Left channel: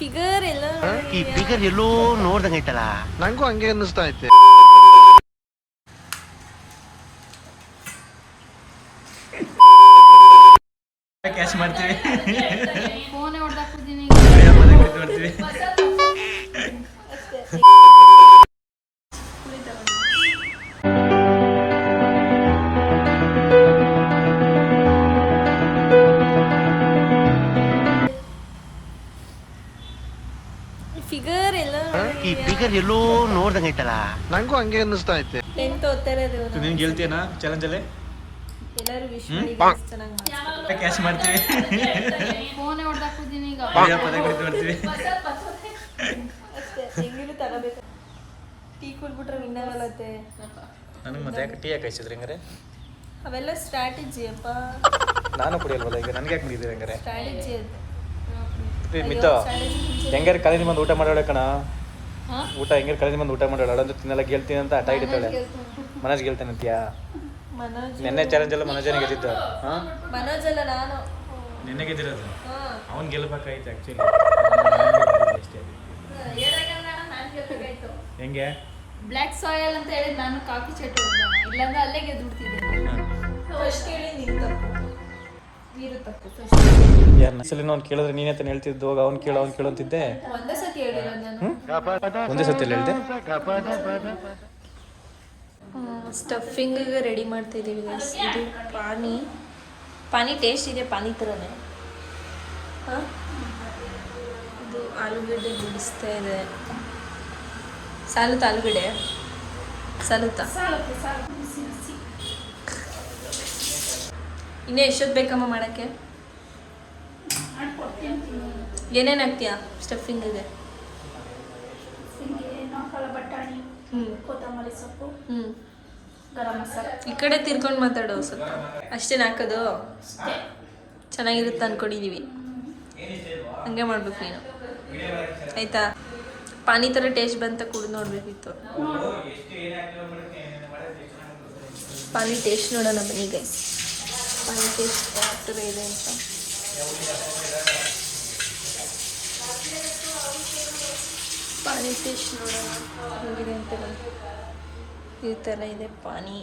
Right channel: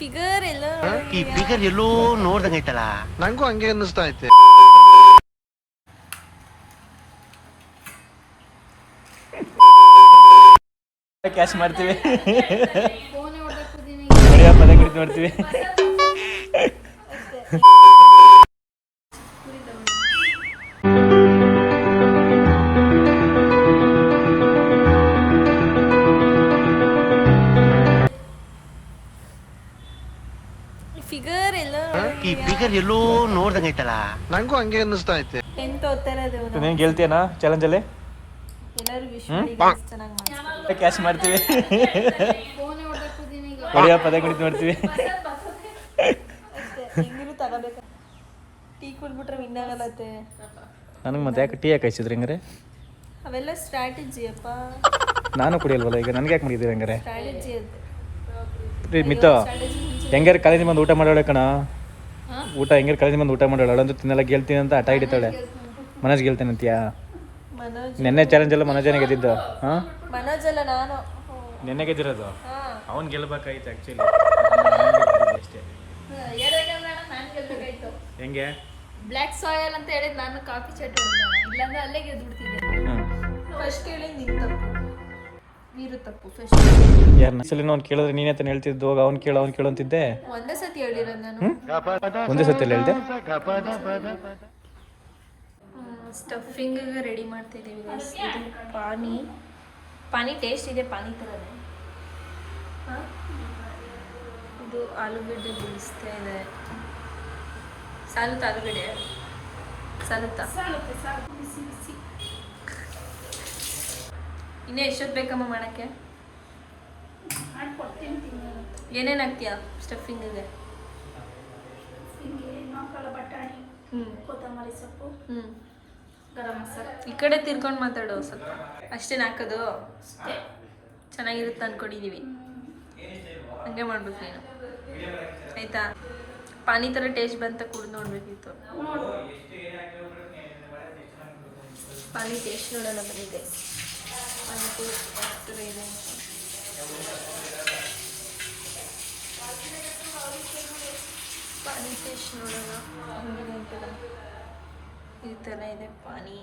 Figure ಎಲ್ಲ ಈ figure ಎಲ್ಲೋ ನೋಡ್ದಂಗೈತಲ್ಲ. ನಂಗೂ ಹಂಗೆ ಅನ್ನಿಸ್ತಾ ಐತೆ. ಕ್ಯಾಶ್ ಮಾಡ್ತೀವಿ. ಫೋನ್ ಹೊಡೆದಾಕ್ಬಿಡ್ತೀನಿ. ಫಿಗರ್ ಎಲ್ಲ ಈ ಫಿಗರ್ ಎಲ್ಲೋ ನೋಡ್ದಂಗೈತಲ್ಲ. ನಂಗೂ ಹಂಗೆ ಅನ್ನಿಸ್ತಾ ಐತೆ. ಎಂತ ಓದ್ತಾ ಇರೋದು ನೀನು ಗೆಲ್ತೀಯನಾ ಚಾಲೆಂಜಲ್ಲಿ? ಎಲ್ಲರೂ ವಿಶ್ ಮಾಡಿ ಚೆನ್ನಾಗಿ ಮಾಡ್ತಾರೆ. ಕ್ಯಾಶ್ ಮಾಡ್ತೀವಿ. ಫೋನ್ ಹೊಡೆದಾಕ್ಬಿಡ್ತೀನಿ ಈಗ. ಪದ ನೋಡ್ತೀವಿ. ಅಷ್ಟೇ ಹೆಂಗಿರು ತಗೋಬೇಕು. ಟೀ ಕುಡ್ಬಿಟ್ರೆ ವಿನ್ನಾಗಲ್ಲತ್ತೆ. ನನಗೆ ಮತ್ತೆ ಯಾಕೆ ಟೀ ಯಾಕೆ ಹಚ್ಚಿದ್ರಿ ಹಂಗಾರೆ? ಅವೆಲ್ಲ ಸ್ಟ್ರಾಟಜಿ ಅಪ್ಪ. ನಾನು ಕುಡಿಯಲ್ವಲ್ಲ ಈಗ, ನನಗೆ ಯಾಕೆ ಮಾಡಿದ್ದೀರಿ ಹಂಗಾರೆ? ಸ್ಟ್ರಾಟಜಿ ಅದು. ಮಿತ್ತು ಹೆಂಗಾರು ಕಳೆದ ಮಂದಿ ಊಟ ಮಾಡೋಳ ಕಣ. ಹಾ? ಊಟ ಹೆಂಗಾರು ಕಳೆದ ಮಂದಿ ಊಟ ಮಾಡೋಳ ಅಂದ್ರೆ ತಿನ್ನಲ್ಲ ಗೆಲ್ತೀನಿ ಅಂತ ಹಠ ಹಿಡಿತಾಳೆ. ಮನೋಜ್ ಗೆಲ್ತೀನಿ ಅಂತೀಯಾ? ಮನೋಜ್ ನೆನ್ನೆ ಚಾಲೆಂಜ್ ಎಲ್ಲ ಮನೋಜನೇ ಗೆದ್ದಿದ್ದು. ಹಾಂ, ಮನೋಜ್ ಅಲ್ಲ ನಾನು. ನೆನ್ನೆ ಗೆದ್ದಿರೋದು ಅವ್ನು ಗೆಲ್ಬೇಕಾಯ್ತು ಆ್ಯಕ್ಚುಲಿ. ಅಷ್ಟೇ. ಹೆಂಗೆ ಬ್ಲ್ಯಾಕ್ ಸಾಯಲ್ ಅಂತ ಹೇಳಿದ್ ನಾನು ಕಾಫಿ ಚಟ್ ಇಲ್ಲಾಂದ್ರೆ ಅಲ್ಲೇ ಗೆದ್ಬಿಡ್ತಿದ್ದೆ. ಫಸ್ಟ್ ಹೇಳಿ ನಿನ್ ತಪ್ಪು, ನೀರು ತಪ್ಪು. ಫಸ್ಟ್ ಸಲ ಅವ್ನು ಕೇಳಿದ್ರೆ ನೀನೇ ತಾನು ಹೇಳ್ತಿದ್ದು, ಅವ್ನು ಕೇಳು ಅಂತಿದ್ದೆ. ಒಂದೇ ಸತಿ ಹೇಳಿರೋದು ನಾನು. ಒಂದೇ ಸತಿ ಹೇಳ್ದೆ. ಸ್ಟಫಿಂಗಿಗೆ ರೆಡಿ ಮಾಡ್ತಾ ಇದ್ದೀವಿ ಗೈಸ್. ಇದು ಪಾನಿ ಟೇಸ್ಟ್ ಇದೆ, ಪಾನಿ ಥರನೇ. ಹಾಂ, ಇದು ಆಲೂಗಡ್ಡೆ ಬಿಡಿಸ್ತಾ ಇದೆ. ಸಾಲುತ್ತಾ ಆಲೂಗಡ್ಡೆ? ಸಾಲುತ್ತಾ? ಇನ್ನೇ ಎಷ್ಟೊತ್ತು ಬೇಕಮ್ಮ ಮಾಡೋಕ್ಕೆ? ಏನೇನು ಹಾಕ್ತೀಯಾ ಸ್ಟಫಿಂಗಿಗೆ? ಬಟಾಣಿ, ಕೊತ್ತಂಬರಿ ಸೊಪ್ಪು, ಗರಂ ಮಸಾಲ. ಈ ಕಡೆ ತಿರ್ಕೊಂಡು ಮಾತಾಡೋ ಸ್ವಲ್ಪ. ಅಷ್ಟೇನು ಹಾಕೋದು? ಚೆನ್ನಾಗಿರುತ್ತೆ ಅಂದ್ಕೊಂಡಿದ್ದೀವಿ. ಹಂಗೆ ಮಾಡ್ಬೇಕು ನೀನು, ಆಯಿತಾ? ಪಾನಿ ಥರ ಟೇಸ್ಟ್ ಬಂತ ಕುಡಿದು ನೋಡಬೇಕಿತ್ತು. ಪಾನಿ ಟೇಸ್ಟ್ ನೋಡೋಣ ಬನ್ನಿ ಗೈಸ್. ಪಾನಿ ಟೇಸ್ಟ್ ಯಾವ ಥರ ಇದೆ ಅಂತ. ಪಾನಿ ಟೇಸ್ಟ್ ನೋಡೋಣ ಹೇಗಿದೆ ಅಂತ. ಈ ಥರ ಇದೆ ಪಾನಿ.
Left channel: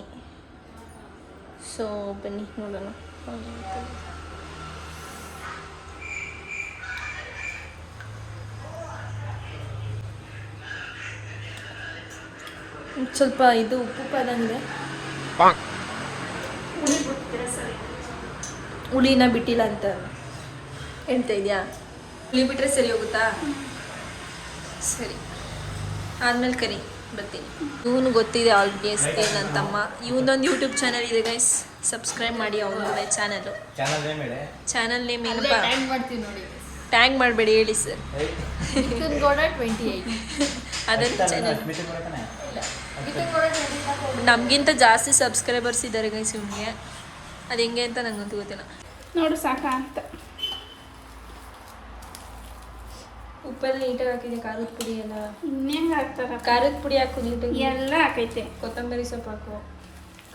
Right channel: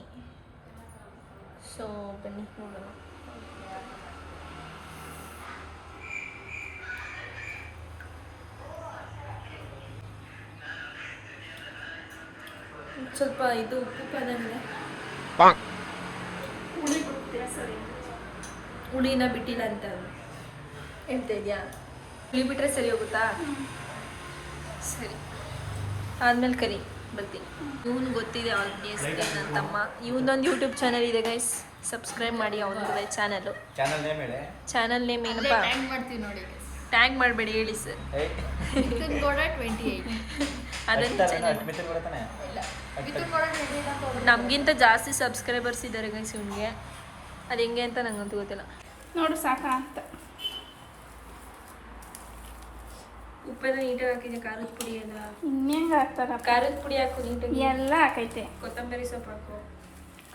ಸೊ ಬನ್ನಿ ನೋಡೋಣ ಪಾನಿ ಅಂತ. ಸ್ವಲ್ಪ ಇದು ಉಪ್ಪು ಪದಂಗೆ ಹುಳಿನ ಬಿಟ್ಟಿಲ್ಲ ಅಂತ ಹೇಳ್ತಾ ಇದೆಯಾ? ಹುಳಿ ಬಿಟ್ಟರೆ ಸರಿ ಹೋಗುತ್ತಾ? ಸರಿ, ಆದ್ಮೇಲೆ ಕರಿ ಬರ್ತೀನಿ. ಇವನು ಗೊತ್ತಿದೆ ಆಲ್ಬಿಯಸ್ಲಿ ನನ್ನ ತಮ್ಮ. ಇವನೊಂದು ಯೂಟ್ಯೂಬ್ ಚಾನಲ್ ಇದೆ ಗೈಸ್, ಸಬ್ಸ್ಕ್ರೈಬ್ ಮಾಡಿ ಅವನದು ಚಾನಲ್ಲು. ಚಾನಲ್ ನೇಮ್ ಏನಪ್ಪ? ಮಾಡ್ತೀವಿ ನೋಡಿ. ಟ್ಯಾಗ್ ಮಾಡಬೇಡಿ ಹೇಳಿ ಸರ್. ಮಿಥುನ್ ಗೌಡ 28. ಅದನ್ನು ಚಾನಲ್ ಇಲ್ಲ, ಮಿಥುನ್ ಗೌಡ 28. ನಮಗಿಂತ ಜಾಸ್ತಿ ಸಬ್ಸ್ಕ್ರೈಬರ್ಸ್ ಇದ್ದಾರೆ ಗೈಸ್ ಇವನಿಗೆ. ಅದು ಹೆಂಗೆ ಅಂತ ನಂಗಂತೂ ಗೊತ್ತಿಲ್ಲ. ನೋಡು ಸಾಕ ಅಂತ. ಉಪ್ಪೆಲ್ಲ ನೀಟಾಗಿ ಹಾಕಿದೆ. ಖಾರದ ಪುಡಿ ಎಲ್ಲ ಇನ್ನೇನು ಹಾಕ್ತಾರ? ಖಾರದ ಪುಡಿ ಹಾಕು ನೀಟಾಗಿ. ಎಲ್ಲ ಹಾಕೈತೆ. ಕೊತ್ತಂಬರಿ ಸೊಪ್ಪು ಹಾಕು.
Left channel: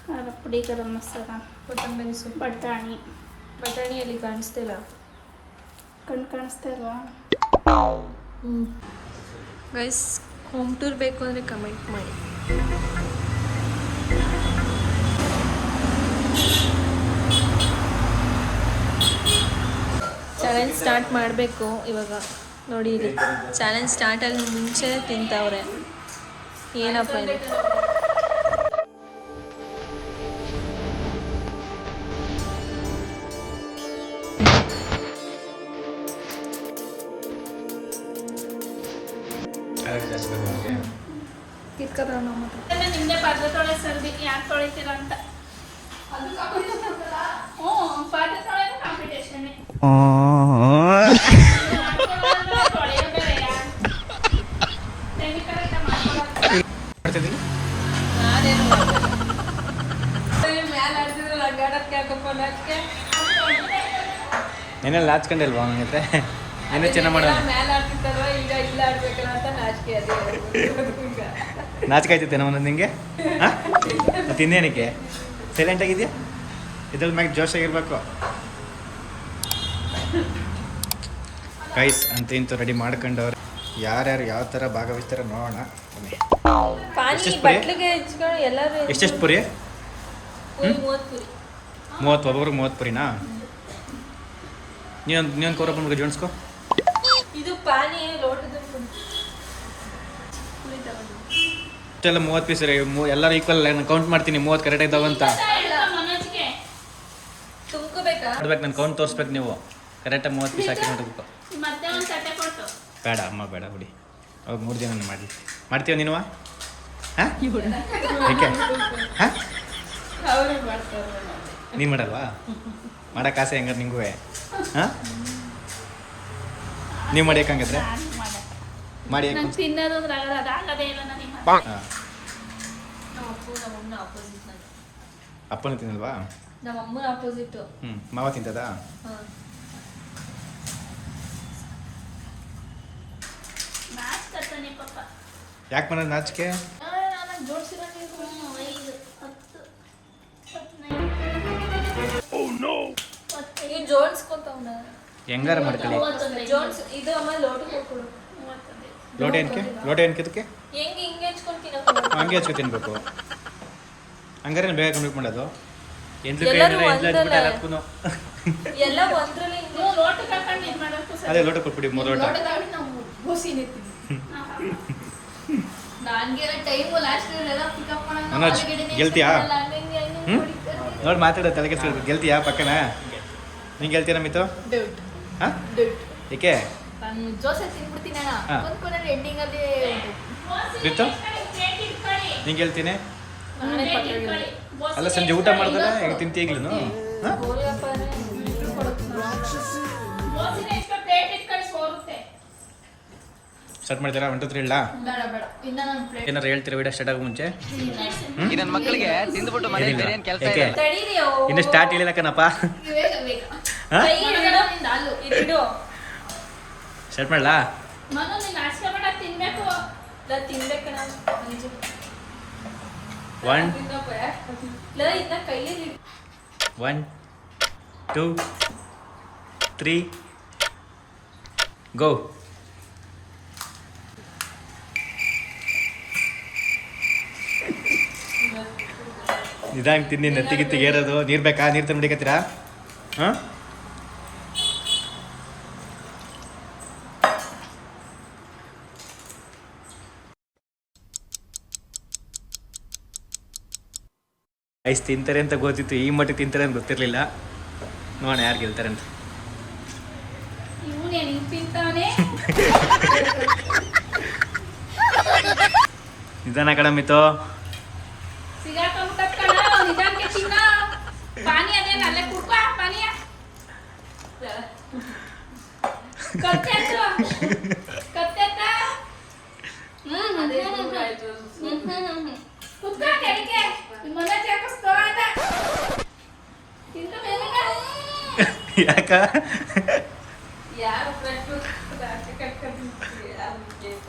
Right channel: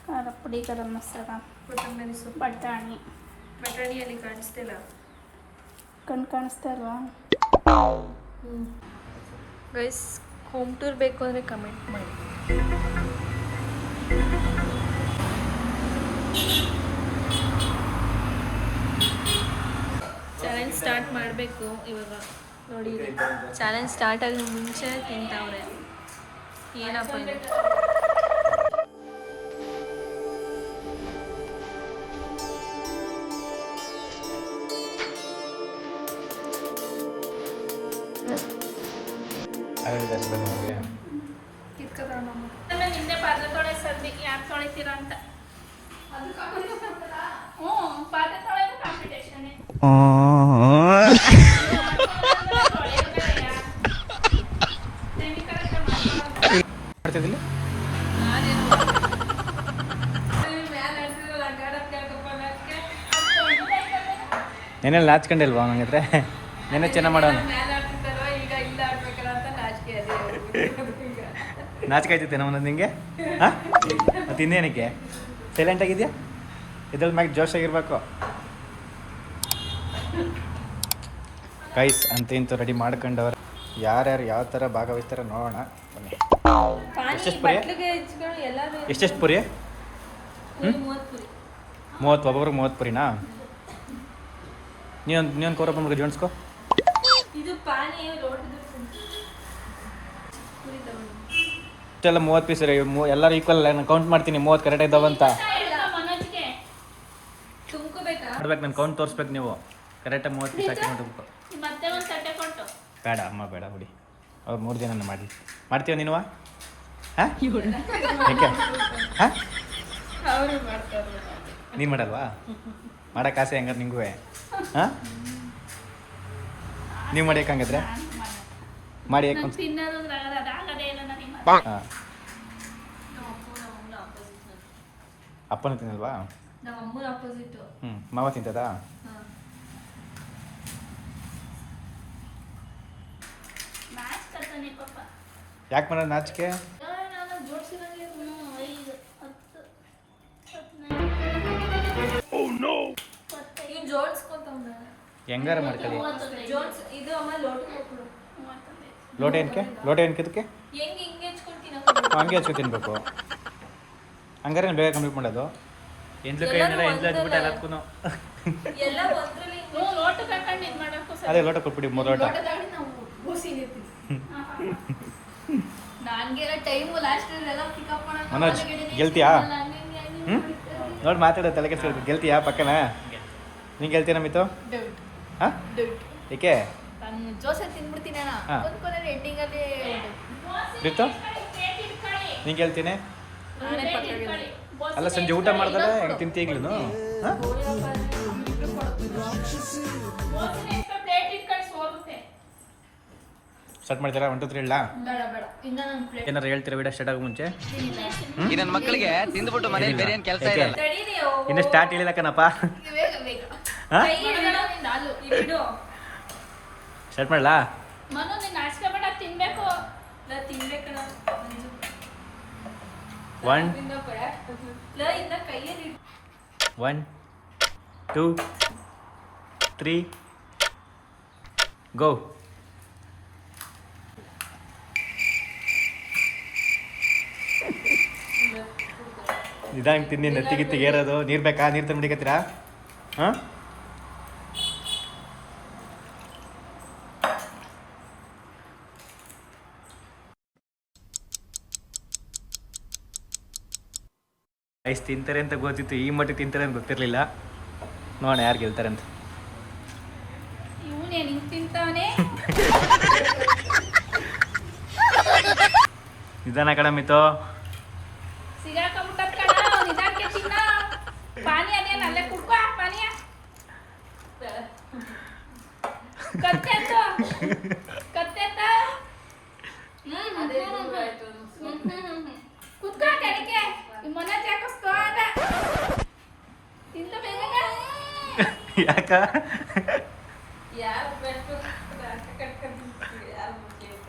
ಖಾರದ ಪುಡಿ, ಗರಂ ಮಸಾಲ, ಕೊತ್ತಂಬರಿ ಸೊಪ್ಪು, ಬಟಾಣಿಯಲ್ಲಿ ಕಾಣಿಸ್ತಿಲ್ಲ. ಕಣ್ಣು ಕಾಣಿಸ್ತಾ ಇಲ್ವಾ? ಗೈಸ್, ಹೋಮ್ ಟೂರ್ ಬೇಕು ಅಂದರೆ ಕಮೆಂಟ್ ಮಾಡಿ. ಚಾಲೆಂಜ್ ಸ್ಟಾರ್ಟ್ ಮಾಡಬೇಕು ಇವಾಗ. ನೋಡಿ ಇಲ್ಲಿ ಚಾಲೆಂಜ್ ಸ್ಟಾರ್ಟ್ ಆಗಿ ಮುಂಚೆ ತಿಂತವ್ರೆ. ಏನಪ್ಪ ಇದು? ನಿನ್ನೆ ಪಾಠ ತೊಳೆ ಸರ್ದಿ ಯಾಕೆ ತೊಳಿತೀರ ಅಂತ. ಪಾಠ ತೊಳೆ ಕಾಂಪಿಟೇಷನ್. ನೆನ್ನೆ ನಾಚ್ಕೊಂಡಿಲ್ವಾ ನನ್ನ ಹತ್ರ? ನೆನ್ನೆ ಚೆನ್ನಾಗಿ ಮಾಡೋಣ. ನಾಚಿಕೆ ಆಯ್ತೈತೆ ಒಂದೊಂದು ನಿಂಗೆ? ಹಾಂ, ಮತ್ತು ಇನ್ನೇನಕ್ಕೆ ಸೈಲೆಂಟ್ ಆಗಿದೆಯಾ? ಇದ್ರಲ್ಲಿ ಮ್ಯಾಗ ಜೋಶಾಗಿರ್ಬೇಕು. ಗೈಸ್ ಅಂತ ಇಂತು ರೆಡಿ ಮಾಡ್ಕೊಂಡವ್ರೆ. ಯಾರ್ಯಾರು ಯಾವ ಥರ ಭಾಗವಹಿಸ್ತಾರ ನೋಡೋಣ ಬನ್ನಿ. ಎಷ್ಟೆಷ್ಟು ಪುರಿ? ಎಷ್ಟೆಷ್ಟು ಪುರಿ? 30 ಒಬ್ಬೊಬ್ರಿಗೆ 30 ಪುರಿನಾ? ನೀವೊಂದು ಕೋರ ಬಂದ್ಬಿಟ್ಟು ಜೋಡಿಸ್ಕೊ. ಇದು ಪಾನಿ ಲೋಟದ ಇಷ್ಟೆಲ್ಲ 30 ಪೀಸ್ ಎಲ್ಲರೂ ಈಕ್ವಲ್ ನಾನು ಕೌಂಟ್ ಮಾಡ್ತೀನಿ 30 ಕರೆಕ್ಟ್ ಇದ್ದಾವಂತ ಮನೋಜ್ಗೆ ತುಂಬ್ಕೋಬೇಕಾ? ನೋಡ್ಬೇಕು ನಾನು ಕೌಂಟ್ ತೋರಿಸ್ಬೇಕು. ನೀವು ಕರೆಕ್ಟಾಗಿ 30 ಪೀಸ್ ಹಾಕಿ ನೋಡ್ಬೇಕು. ಮತ್ತೆ ಒಂದು ತಟ್ಟೆ ಕೊಟ್ಟು ಬೇಡ ಅಮ್ಮ ಬೇಡ ಹುಡಿ. ಅವಾಗ 3 ದಿನ ಮಾಡ್ತೀವ ನೀನು? ಹಾಂ ಏಕೆ ಹಾಂ ಅವರೇ ಮಾಡ್ತಾರೆ. ನೀನು ಮಾಡಲ್ವಾ? ಮಾಡೋಕೆ ಆಸೆ ಹೆಂಗಾರೆ ನಿಂಗೂ? ಹಾಂ ನೀವು ಮಾಡಿ ಯಾಕಂಗಿದ್ರೆ ಮಾಡಿ ಯಾಕೆ? ನಂಗೆ ತಿನ್ನೋದು ಅಂದ್ರೆ ಅದಾಗದೇ ಇಲ್ಲ ನನಗೆ. ಹಾಂ ಅಪ್ಪನೂ ತಿನ್ನಲ್ವಾ? ನಮ್ಮ ಅಮ್ಮನ ಆಪೋಸಿಟ್. ಮಾವ ತಿಂತದಾ? ನಾಚ್ಕತ್ತಾನೆ ಪಾಪ. ಯಾಕೆ ಮಾಡೋದು ನಾಚಿಕೆ? ಜೋಡಿಸಿರಂಗೆ 5 10 ನೀವು ಜೋಡಿಸ್ಕೊತವ್ನ ಹೆಂಗಾರ ಮಾಡ್ಕೊಳ್ಳಿ. ಜೋಡ್ಸ್ ಇದು ಅಮ್ಮ ಲೋಟ ಕೊಡು. ಲೋಟ ಏನಕ್ಕೆ? ಲೋಟ ಏನಕ್ಕೆ ಇದಕ್ಕೆ? ಹೆಂಗೆ ಹಿಂಗೆ ಹಚ್ಕೊಳ್ತೀನಿ ಹಂಗೆ ಹಚ್ಚು ತಿನ್ಬೇಕು. ಹಂಗಾರೆ ಬೇಗ ಕಂಪ್ಲೀಟ್ ಮಾಡೋದು. ಎಂದ್ಲು ಕೈ ಏನಿಲ್ಲ ಎಂದ್ಲು ಹಚ್ಬಿಟ್ಟು ಎಲ್ಲದಕ್ಕೂ ಎಲ್ಲ ಒಂದ್ರಲ್ಲಿ ಲೋಟ ತಗೊಂಡು ಇದು ಮಾಡೋಕ್ಕೂ ಸರಿ. ಅದೇ ಲೋಟ ಕೊಟ್ಬಿಡಿ 3 ಲೋಟ. ನನಗೆಲ್ಲ ಟೈಮು ಲಾಸ್ಟ್ ಎಲ್ಲ ಪಿಕಪ್ ಮಾಡೋಣ. ಮನೋಜ್ ಗೆಲ್ತೀಯಾ? ನೋಡಿ ಮಾತಾಡೋ ತಲೆ ಕೆಡ್ಸ್ಕೊಳ್ಬೇಕು. ಗೆಲ್ತೀಯಾ ಪಕ್ಕನ? ನೀನು ಗೆಲ್ತೀರಾ ಮಿತು? ಹಾಂ ಏಕೆ? ನಾನು ಜೋಸೆ ತಿನ್ಬಿಡ್ತೀನಿ ಅಣ್ಣ. ಹಾ. ಕೊಂದ್ಕೊಂಡ್ರೆ ಎಂಡಿಂಗಲ್ಲಿ ಮಿತು ನೀನು ಗೆಲ್ತೀನಿ? ನಾನೇ ಪಕ್ಕಾಗಿಲ್ಲ. ಅಲ್ಲ ಸಂಜೆ ಊಟ ಮಾಡ್ದಲ್ಲ ಹೆಂಗೆ ತಿಂತಿ ಈಗ್ಲೂ? ಹಾಂ ಸ್ಟಾರ್ಟ್ ಮಾಡ್ತೀರಾ? 1 2 3 ಇಲ್ಲ ಬೇಡ ಬೇಡ ಇನ್ನ ನಾನು ಪ್ಲೇಟ್ ಏನಾರು ಹೇಳ್ತೀರಾ ವಿಡಿಯೋ ಸ್ಟಾರ್ಟ್ ಆಗೋ ಮುಂಚೆ? ಈ ನನ್ನ ಮಕ್ಕಳಿಗೆ ತಿಂದ್ಬಿಟ್ಟು ಮನೇಲಿ ಬೇರೆ ಏನು ಕೆಲಸ ಏಕೆ? ಇಲ್ಲ. ತಡೀರಿ ಇನ್ನು ಸ್ಟಾರ್ಟ್ ಹೇಳಿಲ್ಲ ಕಣಪ್ಪ. ಬೇಗ ಬೇಗ ಹಾಂ ಕೈ ಹಿಡ್ಕೊಳ್ಳೋ ನಿಂದ ಅಲ್ಲು ಇದಿಡು. ಸ್ಟಾರ್ಟ್ ಮಾಡಲಾ? ಮನು ನೀನು ನಾಚಿಕೆ ಮಾಡ ತಿನ್ಬೇಕು. ನಾ ತಿನ್ಬೇಕು ನಾನು ಅಂಜು 1 ಇನ್ನ ಕೈಯಲ್ಲಿ 1 2 3 ಗೋ. ನಿಧಾನ ತಿನ್ನಿ. ನೆತ್ತಿಗಿತ್ತಿಗೆ ಏರೋದು. ನೀರು ಬೇಕಾ? ನೀರು ತಂದ್ಬಿಡಿಕತ್ತೀರಾ? ಹಾಂ ಐಸ್ ತಿಂತಾರೆ ಅಂತ ಗೊತ್ತಿತ್ತು, ಈ ಮಟ್ಟಿಗೆ ತಿಂತಾರೆ ಅಂತ ಗೊತ್ತಿರಲಿಲ್ಲ. ನೋಡೋಣ ಯಾರು ಗೆಲ್ತಾರೆ ಅಂತ. ಇವನೇ ಹಿಂಗೆ ತಿಂತಾವನೆ. ನಿಧಾನ ಕಣ ಮಿತು. ಸಿಗಾಕೊಂಡ್ಬಿಟ್ಟ ಕಣ ನಿಧಾನಕ್ಕೆ ತಿನ್ನ. ಪಾನಿ ಅದೇನು ಅಲ್ಲೇ ಕುಡ್ಕೋ ಪಾನೀಯ. ಕತ್ತೆ ಕುತ್ಕೋ ಕಡೆಗೆ. ನಿಮ್ಮ ಮನೆ ಜಾಕಸ್ಕೋ ಅಂತ ತಿಂದ ಮೇಲೆ ಯಾಕ? ಯಾರು ಬ್ರೆಡ್ ಕಟ್ಕೊಂಡು ಯಾರು ಕೇಕ್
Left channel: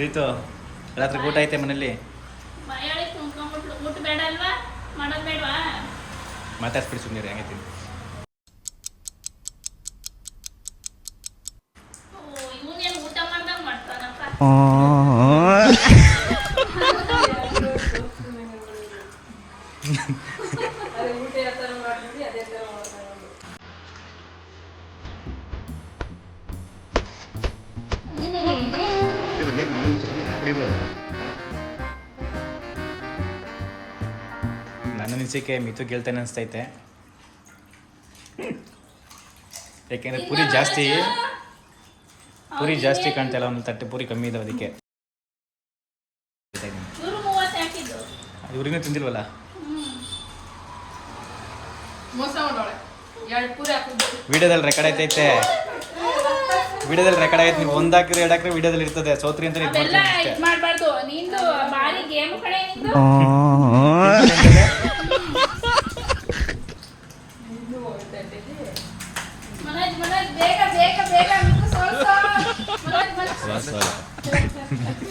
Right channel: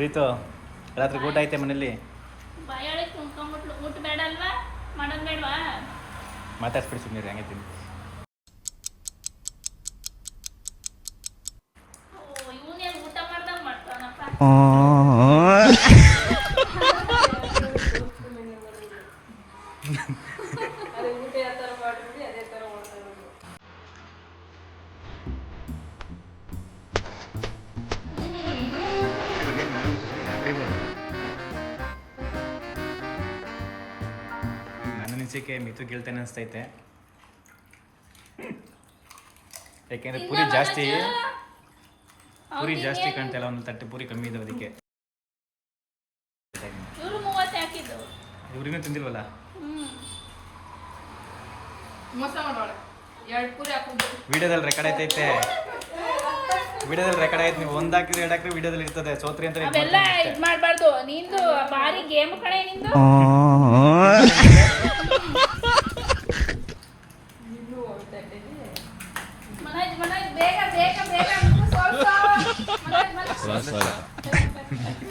ರೀತು ರಾತ್ರಿ ಊಟ ಐತೆ ಮನೇಲಿ? ಬಾಯಾಳೆ ತುಂಬ್ಕೊಂಡ್ಬಿಟ್ಲು. ಊಟ ಬೇಡ ಅಲ್ವಾ? ಮಾಡೋದು ಬೇಡವಾ? ಮಾತಾಡ್ಸ್ಬಿಡಿ ಸುಮ್ಮನೆ ಹಂಗೆ ತಿಂದು. ಇವನೇನು ಊಟ ಮಾಡ್ದಂಗೆ ಮಾಡ್ತಾನಪ್ಪ. ಊಟ ಯಾವ ಥರ ಮಾಡಿದ್ವಿ ಅದೇ ಥರ ಮಾಡ್ಕೊಂಡು ನನ್ನ ಅನಿಸಿಕೆ ಮಿತು ಗೆಲ್ತಾನೆ ಅನಿಸ್ತೈತೆ. ಯಾಕೆಂದರೆ ಪೂರಿ ಜಾಸ್ತಿ ಕಾಣ್ತಾ ಇಲ್ಲ. ಒಂದು ತಟ್ಟೆ ಪೂರಿ ಕಮ್ಮಿ ಇದಾವೆ ಅದಕ್ಕೆ. ಇವ್ರು 30 ಹಾಕಿದ್ರು. ಇವ್ರಿಗೂ ತಿಂದಿಲ್ವಲ್ಲ? ಮೋಸ ಮಾಡೋಳೆ 2 ಪೂರಿ ಹಾಕಿದ್ದು. ವಿಡಿಯೋದಲ್ಲಿ ರೆಕಾರ್ಡ್ ಐತೈತೆ. ವಿಡಿಯೋದಲ್ಲಿ ರೆಕಾರ್ಡ್ ಆಗೈತೆ. ನೀವು 1 ಹಾಕಿದ್ರೆ 2 ಹಾಕಿದ್ರೆ ವಿಡಿಯೋದಲ್ಲಿ ಇರ್ತದೆ. ಸೋತ್ರಿ ಅಂತ ಇದು ಅದೆಲ್ಲ ಮಾಡ್ತೀನಿ ಅಷ್ಟೇ. ಇದು ಮಾಡಬಾರ್ದು. ನಿಂದು ಭಾರಿ ಗೇಮ್ ಕಡೆ ನಿಂದು. ಮನೋಜ್ ಬೇಗ ಬೇಗ ಬೇಗ. ಮನೋಜ್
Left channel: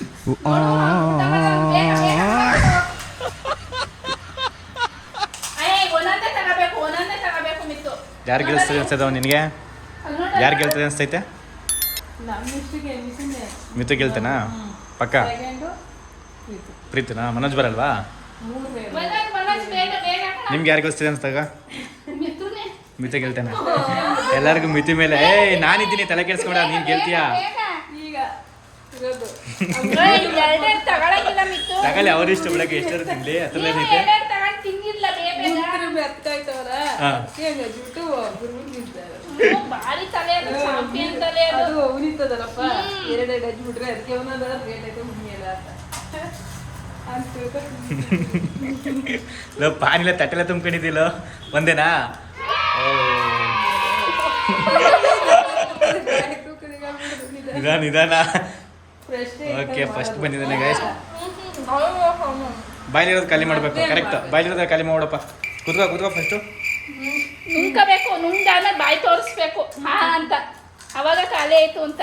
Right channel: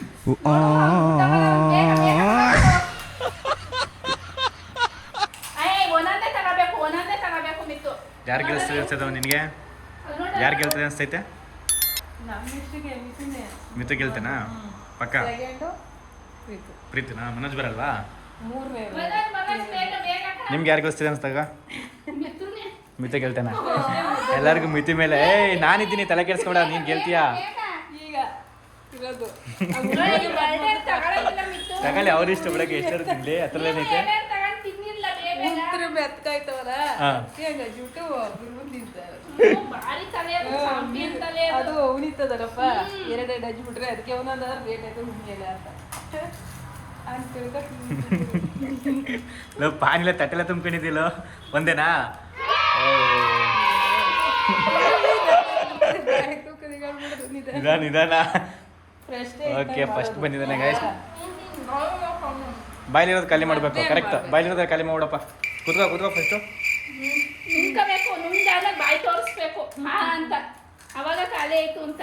ಒಂದೊಂದೇ ತಗೋಬೇಕು ಮಿತ್ತು. ಯಾರು ಗೆಲ್ಸ್ತದೆ ಅನ್ಸ್ತದ ನಿನಗೆ? ಯಾರು ಗೆಲ್ತದೆ ಅನ್ಸ್ತೈತೆ? ಮಿತು ಗೆಲ್ತಾನಾ ಪಕ್ಕ? ಪ್ರೀತಿನಾ? ಮನೋಜ್ ಬರಲ್ವಾ? ಮನೋಜ್ ಬೇಗ ಬೇಗ ನಿಮ್ಗೆ ಯಾರು ಗೆಲ್ಸ್ತದೆ ಅನ್ಸ್ದಾಗ? ಮಿತ್ತುನೇ. ಮಿತು ಗೆಲ್ತಾನ? ಎಲ್ಲರಿಗೂ ಮಿತಿ ಮೇಲೆ ನಾನಿದ್ದೀನಿ ತಲೆ ಕೆಡ್ಸ್ಕೊಂಡ, ನೀನು ಗೆಲ್ತೀಯಾ? ತಗೊಳಕಿಲ್ಲ ಮಿತ್ತು. ತಗೊಳ್ಳಿ, ಅವ್ರ ಇಷ್ಟ ಬೆಳಗ್ಗೆ ಎಷ್ಟರ ತಿನ್ಲಿ, ಹತ್ರಲೇನೈತೆ. ತಿಂದಿಲ್ಲ ಬೇಗ ಹಾ. ಭಾರಿ ತಲೆ ಅದು, ಚಾಂಪಿಯನ್ ತಲೆ ಅದು. ಲೋ ಪಾನಿಲ್ಲ ತಟ್ಟೆಲ್ಲ ತುಂಬ್ಕೊಂಡಿದ್ದಿಲ್ಲ ಒಂದೇನಾ? ನಿಧಾನ ನಿಧಾನ. ಓಕೆ, ಫಸ್ಟ್ ಬಂದಿದ್ದಾನೆ ಗೈಸ್. ಬಾಯ್ಲಿರೋದು ಖಾಲಿ ಮಾಡಬೇಕು. ಕರೆಕ್ಟ್, ಬಾಯ್ಲಿರೋದು ಖಾಲಿ ಮಾಡ್ಬಿಡಪ್ಪ. ಕೂತ್ಕೋ ಫಸ್ಟು. ನುಂಕಬೇಕು, ನುಂಗಾದ್ಮೇಲೆ ಬಾಯಿ ತೋರಿಸ್ಬೇಕು ಹಾ ಅಂತ, ಅವಾಗ ಖಾಲಿ ಆಯ್ತು ಅಂತ.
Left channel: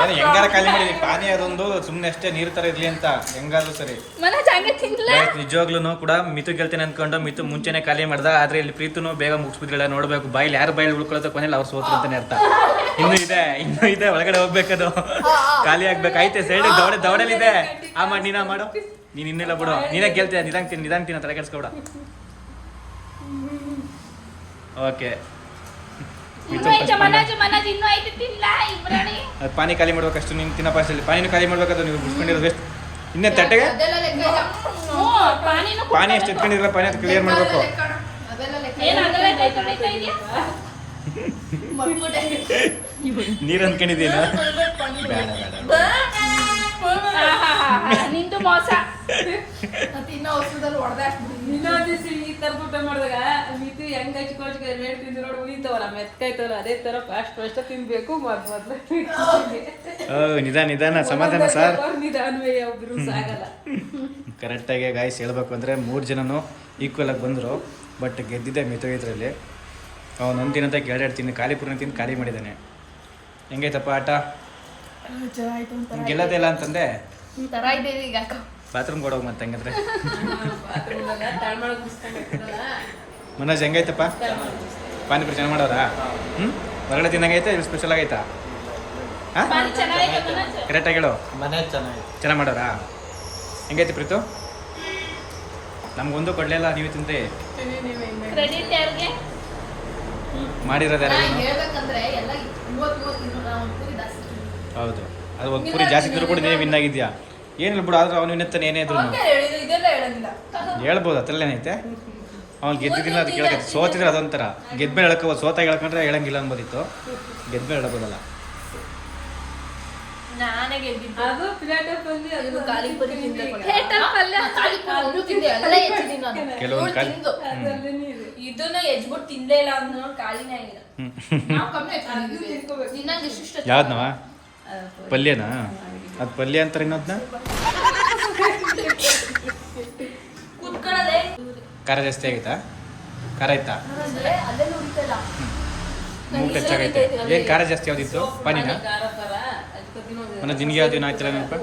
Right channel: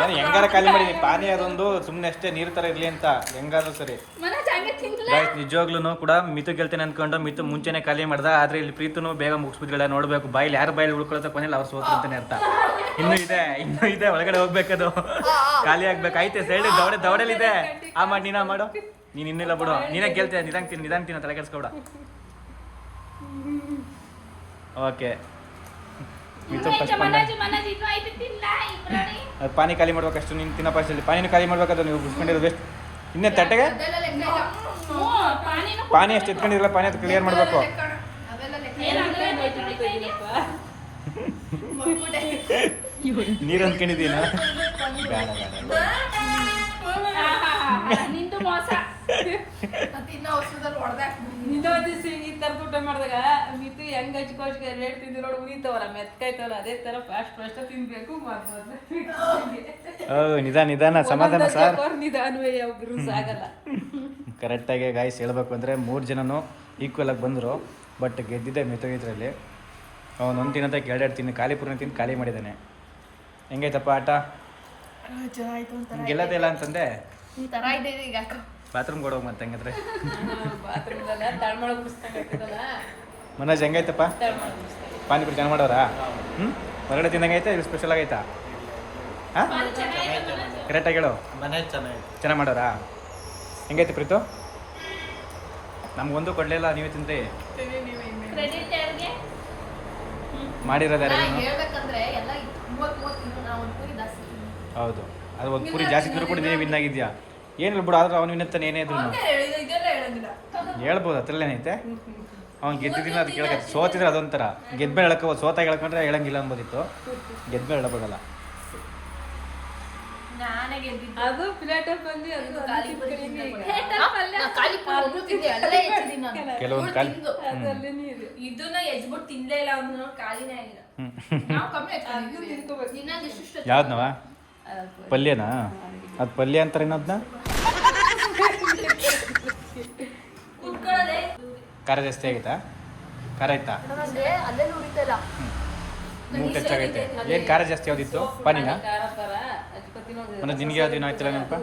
ಏನು ಹೆಂಗಾರ ಖಾಲಿ ಮಾಡಿದೀನಿ. ಪಾನಿ ಅದೊಂದು ಸುಮ್ಮನೆ ಅಷ್ಟೇ ನೀರು ಥರ ಇರಲಿ ಅಂತ, ಹೆಂಗಾದ್ರೂ ಸರಿ. ಮನೋಜ್ ಹಂಗೆ ತಿನ್ಲ. ಗೈಸ್ ನಿಜವಾಗ್ಲೂ ಕೂಡ ಮಿತು ಗೆಲ್ತೇನೆ ಅಂದ್ಕೊಂಡು ಮಿತು ಮುಂಚೆನೆ ಖಾಲಿ ಮಾಡ್ದ. ಆದ್ರೆ ಇಲ್ಲಿ ಪ್ರೀತನು ಬೇಗ ಮುಗಿಸ್ಬಿಟ್ಟಿಲ್ಲ. ನೋಡ್ಬೇಕು ಬಾಯ್ಲಿ ಯಾರು ಬಾಯ್ಲಿ ಉಳ್ಕೊಳತ್ತ ಕೊನೆಯಲ್ಲಿ ಅವ್ರು ಸೋತ್ರು ಅಂತಾನೆ ಅರ್ಥ. ಇನ್ನೂ ಇದೆ ಒಳಗಡೆ ಹೋಗ್ಬೇಕದು, ಖಾಲಿ ಆಗ್ಬೇಕು. ಐತೆ ಸೈಡ್ ದವಡಲಿದೆ. ಆ ಮಾಡಿ ನೀನ ಮಾಡು. ನೀನು ಇನ್ನಿಲ್ಲ ಬಿಡು, ನೀನೇ ಗೆಲ್ತೀಯ. ನಿಧಾನ ತಿನ್ನ, ತಲೆ ಕೆಡ್ಸ್ಕೊಬಿಡ. ಓಕೆ, ಮಿತು ಫಸ್ಟ್ ಬಂದ. ಮನೋಜ್ ಇನ್ನೂ ಐತೆ ತಿನ್ಲ ಇಬ್ರಾಣಿ. ಅದು ಪಾನಿ ಖಾಲಿ ಮಾಡ್ಬೇಕಷ್ಟು. ನೀನು ತಿನ್ನ ಫಸ್ಟಲ್ಲಿ ಪಾನಿನೂ ಖಾಲಿ ಮಾಡ್ಬೇಕದು. ನೀವು ಬಿಡ್ಸ್ಕೊಂಡಿರೋದು ವೇಸ್ಟ್. ಇನ್ನೇ ತಟ್ಟೆಗೆ ಪಾನಿ ಅಷ್ಟು ಎತ್ಕೊಂಡಿರಲ್ಲ, ಪಾನಿ ಅದು ಕ್ಲಿಯರ್ ಮಾಡಬೇಕು. ನೀರು ಅಂದ್ಕೊಂಡಿದ್ದೀನ? ಬೇಡ ನಿಂತು ಮೋಸ. ನಿಧಾನ ಸಮಾಧಾನ ಸರ್. ಕರೆಕ್ಟಾಗಿ ಗಾಯ್ಸ್ ಹೇಳ್ಬೇಕು ಅಂದರೆ 3 ಜನನು ಈಕ್ವಲ್ ಆಗಿ ಬಂದರು. ಬಟ್ ಗೆದ್ದಿದ್ದೆ ಮಿತು ಇದರಲ್ಲಿ. ಅವನೊಂದು ತಿನ್ನಂತ 2 ತಿನ್ನು ಖಾಲಿ ಪೂರ್ಣ ತಿಂದು ಖಾಲಿ ಮಾಡಿದ್ದಾನೆ. ಹೆಂಗೈತಪ್ಪ ಆಟ? ಗೆಲ್ಲದೇ ಇಲ್ಲ ಅಂತಂದೆ. ಬಾತ್ರೂಮ್ ಕೊಡೋಗಿ ಮತ್ತೆ ಹಂಗಂದ್ರೆ. ಮನೋಜ್ ಹೆಂಗೈತಪ್ಪ? ಪಾನಿಪುರಿ ಚೆನ್ನಾಗಿ ಮಾಡೋರಾ? ಹೊರಗಡೆ ತಿನ್ನಂಗೈತೆ, ಇಲ್ಲಿ ಸ್ಪೆಷಲ್ ಆಗೈತಾ? ಹಾಂ, ಕರೆಕ್ಟಾಗಿ ಹೇಳು. ಮನೆ ಚೆನ್ನಾಗಿದೆ. ಚೆನ್ನಾಗಿ ಮಾಡೋರಾ? ಹೆಂಗೈತಿ ಪ್ರೀತು? ನಮ್ಗೊಂದು ಕೊಡಲಿಲ್ಲ, ನೀವೇ ತಿಂದ್ರಿ. ಕ್ರೆಡಿಟ್ ಯಾರಿಗೆ? ಮಾಡಿರೋದು ಯಾರು? ಹೌದು, ಅದು ಒಂದು ಪೂರಿ ಜಾಸ್ತಿ ಇದ್ರು ಕೂಡ ನೀವೇ ವಿನ್ ಆಗಿದ್ಯಾ. ಏನಿಲ್ಲ ಬಿಡು, ಆದ್ರೆ ಅವ್ನು ವಿನ್ನತ್ತಾನೆ ಏನೇ ಇದ್ರು ಹೇಳ್ಬೋದು. ಅದ್ರಲ್ಲೇನೈತೆ? ಅವ್ನು ಗೆದ್ದಿದ್ದಿಲ್ಲ ಅದು ಕೇಳಕ್ಕೆ. ಸೋತಿದ್ರೆ ಅದೊಂಥರ, ಗೆದ್ಮೇಲೆ ಹೇಳ್ಕೋಬೋದು. ಸೋತಾಗ ಹೇಳ್ಕೊಂಡ್ರೆ ಹೇಳಂಗಿಲ್ಲ ಅನ್ಬೋದಿತ್ತು. ಗೆದ್ಮೇಲೆ ಹೇಳ್ಬೋದಲ್ಲ. ಕೆಲವೊಂದು ಖಾಲಿ ಇದನ್ನ ಎಜ್ಬಿಟ್ಟು ತಿಂದೇ ಇಲ್ಲ, ಅವ್ನು ಖಾಲಿನೇ ಆಗಿಲ್ಲ. ಯಾವ್ದನವ? ಪಲ್ಯನಾ? ಅದು ಪಲ್ಯ ಅಂತಾರೆ ಇನ್ನೋದ್ನ. ಕುತ್ಕೊಳ್ಳೋದೆ ಖಾರ ಜಾಸ್ತಿ ಆಗೈತಾ? ಖಾರ ಆಯ್ತಾ? ಅಲ್ಲೆಲ್ಲ ಉರಿತಲ್ಲ. ಮೂಗು ಟಚ್ ಆಗೈತೆ. ಏನು ಖಾರ ಜಾಸ್ತಿ ಯಾವ್ದಿತ್ತು? ಪಾನಿನ? ಮನೋಜ್ ನಿನಗೆ ಯಾವ್ದು ಏನು ಆಯ್ತಿಲ್ಲ ನೆನಪ?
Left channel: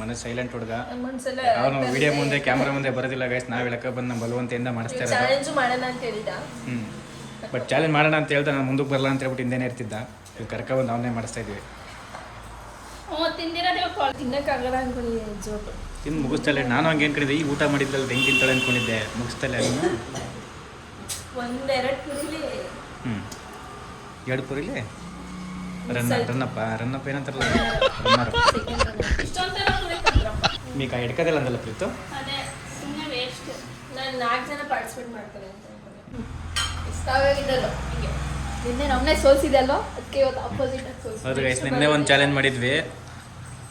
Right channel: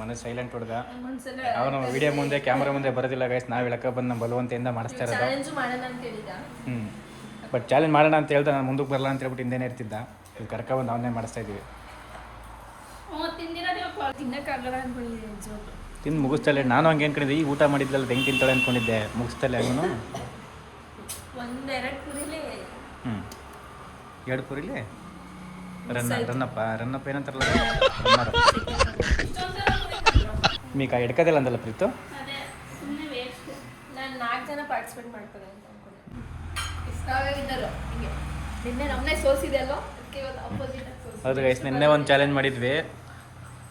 ಮನೋಜ್ ಸೈಲೆಂಟ್ ಹುಡುಗ. ಅವನು ವಿಡಿಯೋ ಮುಂದೆ ಕ್ಯಾಮ್ರಾ ಮುಂದೆ ಬರೋದಿಲ್ಲ ಗೈಸ್. ನಾವು ಹೇಳಕ್ಕೆ ಬಂದು ನಮ್ಮ ಬಲವಂತೆಯಿಂದ ಮಾಡಿಸ್ತಾ ಇರೋದು. ಚಾಲೆಂಜ್ ಮಾಡೋಣ ಅಂತ ಹೇಳಿದ. ಬಟ್ ಚಾಲೆಂಜ್ ಮಾಡೋಣ ಅಂತ ಹೇಳ್ದ. ನಾನು ಮುಂದಕ್ಕೆ ಬರಲ್ಲ ಅಂತ ಹೇಳ್ಬಿಟ್ಟು ಹಿಂದೇನೆ ಇರ್ತಿದ್ದ. ಇವ್ ಕರ್ಕೊಬಂದು ಅವನ್ನೇ ಮಾಡಿಸ್ತಾ ಇದ್ವಿ. ತಿನ್ನಕ್ಕಾಗಲ್ಲ ಅನ್ಕೊಂಡಿದ್ದೀನಿ ಜೋಬ್. ತಿಂದು ಮುಗಿಸ್ತಲೆ. ನಾನು ಹಂಗೆ ಅನ್ಕೊಂಡಿದ್ದೆ, ಈ ಊಟ ಮಾಡಿದ್ದಲ್ಲ ಹೆಂಗೆ ತಿಂತಾಳೆ ಅಂದ್ಕೊಂಡಿದ್ದೆ. ಮುಗಿಸ್ತಲೆ ಅವನು. 1-2 ಪುರಿಲಿ 2 ಪೂರಿಲಿ ರನ್ನಪ್ಪ ಏನಂತಾರಲ್ಲ, ರನ್ನರ್. ಈಗ ಹಿಡ್ಕೋದಿಲ್ಲ ಅಂದಲ್ಲ ಪ್ರೀತು? ನಾನು 4 ಜನ ಪಾರ್ಟಿಸಿಪೇಟ್ ಮಾಡ್ತಾರೆ ಅಂತ ಅನ್ಕೊಂಡಿದ್ದೆ. ನಿನ್ನೆ ನಮ್ಮನೆ ಸೋಲ್ಸಿದೆ ಅಲ್ವಾ, ಅದಕ್ಕೆ ಇವತ್ತು ಆಪೋಸಿಟ್ ಆಗಿ ಸೋಲ್ಸಿದೆ. ಹೌದು ಗೈಸ್, ನಿನ್ನೆ ಒಂದು ಚಾಲೆಂಜ್ ಮಾಡಿದ್ವಿ.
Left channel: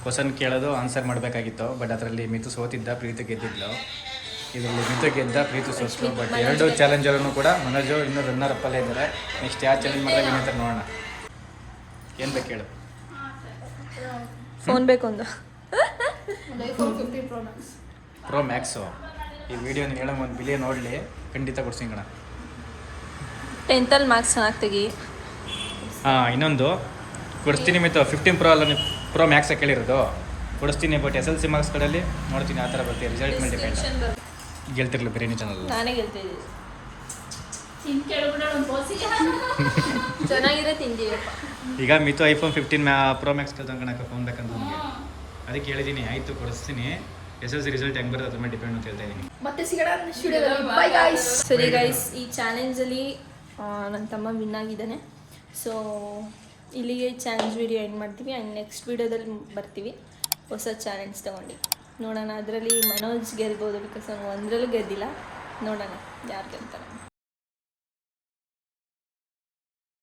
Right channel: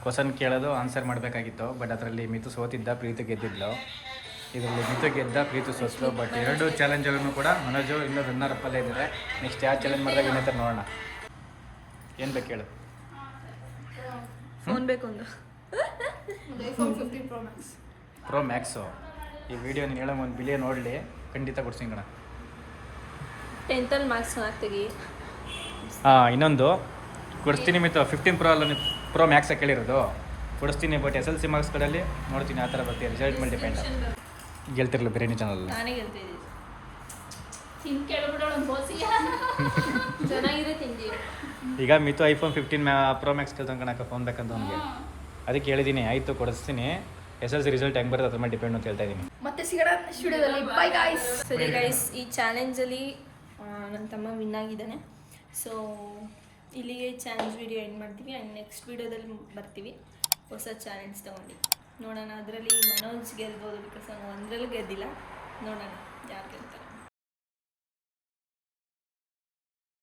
ಕ್ವಶನ್ ಕೇಳೋದು ಆನ್ಸರ್ ಮಾಡಬೇಕಾಗಿತ್ತು. ಬಟ್ ಅದರಲ್ಲಿ ಮಿತು ಸೋತಿದ್ದ, ಪ್ರೀತು ಗೆದ್ದಿದ್ಲು. ಇದರಲ್ಲಿ ಮಿತು ಗೆದ್ದ, ಪ್ರೀತು ಸೋತ್ಲು. ಬಟ್ 2 ಚಾಲೆಂಜಲ್ಲೂ ಕೂಡ ಮನೋಜು ಇನ್ನೂ ರನ್ನರ್ ಅಪ್ಪಲ್ಲೇ ಇದ್ದಾರೆ. ನೆಕ್ಸ್ಟ್ ಯಾವ ಚಾಲೆಂಜ್ ಮಾಡಿದಾಗ ವಿನೇತರ ನೋಡೋಣ. ಏನು ಬೇಕು ಹೇಳು? ಫೋನ್ ಬೇಕು ಒಂದು ಪ್ರೋ ಮ್ಯಾಕ್ಸು. ಈ ವಿಡಿಯೋ ನೀನು ಹೇಳೋ ಒಂದು ಬಿಲಿಯನ್ ನೋಡಲಿ, ಖಂಡಿತ ಕೊಡ್ಸಿಂಗಣ. 10th ಮಾರ್ಕ್ಸ್ ಚೆನ್ನಾಗಿ ತೆಗಿ. ಹಾಂ ಇನ್ನೊಂದು ಕೊಡಿಸ್ತೀನಿ ಮಿತು 15 Pro ಅಲ್ಲ ನೀವು ಪ್ರೋ ಮ್ಯಾಕ್ಸ ಕೇಳಿರೋದು ಕೊಡಿಸ್ತೀನಿ. ಬಟ್ SLC ಮಾರ್ಕ್ಸ್ ಕಡೆಯಲ್ಲಿ ನೋಡ್ತೀನಿ ಆ ಥರ ಬರ್ತೀವಿ. ರಿಸಲ್ಟ್ ಮೇಲೆ ಡಿಪೆಂಡ್. ಗೆಲ್ತಿರ್ಲಿ ಬಿರಿಯಾನಿ ಚಾನಲ್ ನಾನೇ ಗೆಲ್ತಾ ಇದ್ದೀನಿ. ತಿನ್ ಕೇಳ್ಬಿಡೋಣ ಒಂದು ಬೋಸಿ. ಚೆನ್ನಾಗಿರೋ ತಿಂದೀವಿ. ಈಗ Mithu iPhone 15 Pro Max ಕಳ್ತಂಕಣಕ್ಕೆ phone ಬೇಕಂತ ನನಗೆ. ಅದಕ್ಕೆ ಹೇಳಿದ್ದೀನಿ ಆಯಿತು ಕೊಡಿಸ್ತೀನಿ. SLC ರಿಸಲ್ಟ್ ಹೆಂಗೆ ಬರುತ್ತೆ ಅದ್ರ ಮೇಲೆ ಡಿಪೆಂಡ್ ಅಂತ ಹೇಳ್ತಾ ಇದ್ದೀನಿ. ಮತ್ತೆ ಸಿಗೋಣ ನೆಕ್ಸ್ಟ್ ವಿಡಿಯೋದಲ್ಲಿ. By guys. ಸರಿ ಗೈಸ್, ಈ ಚಾಲೆಂಜಲ್ಲಿ ನನ್ನ ತಮ್ಮ ವಿನ್ ಆಗಿದ್ದಾನೆ. ಸೊ ಇಲ್ಲಿಗೆ ಚಾಲೆಂಜ್ ವಿಡಿಯೋ ಎಂಡ್ ಮಾಡ್ತೀವಿ. ಆ್ಯಂಡ್ ನೆಕ್ಸ್ಟ್ ವಿಡಿಯೋದಲ್ಲಿ ಬರ್ತೀವಿ ಹೊಸ ಚಾಲೆಂಜ್ ತೊಗೊಂಡು. ನೋಡೋಣ, ಅದರಲ್ಲಿ ಮನೋಜ್ ಗೆಲ್ಬೋದು. ಬಿಕಾಸ್ ಅವನು ಒಂದರಲ್ಲೂ ಗೆದ್ದಿಲ್ಲ. ನೋಡೋಣ ಯಾರು ಗೆಲ್ತಾರೆ.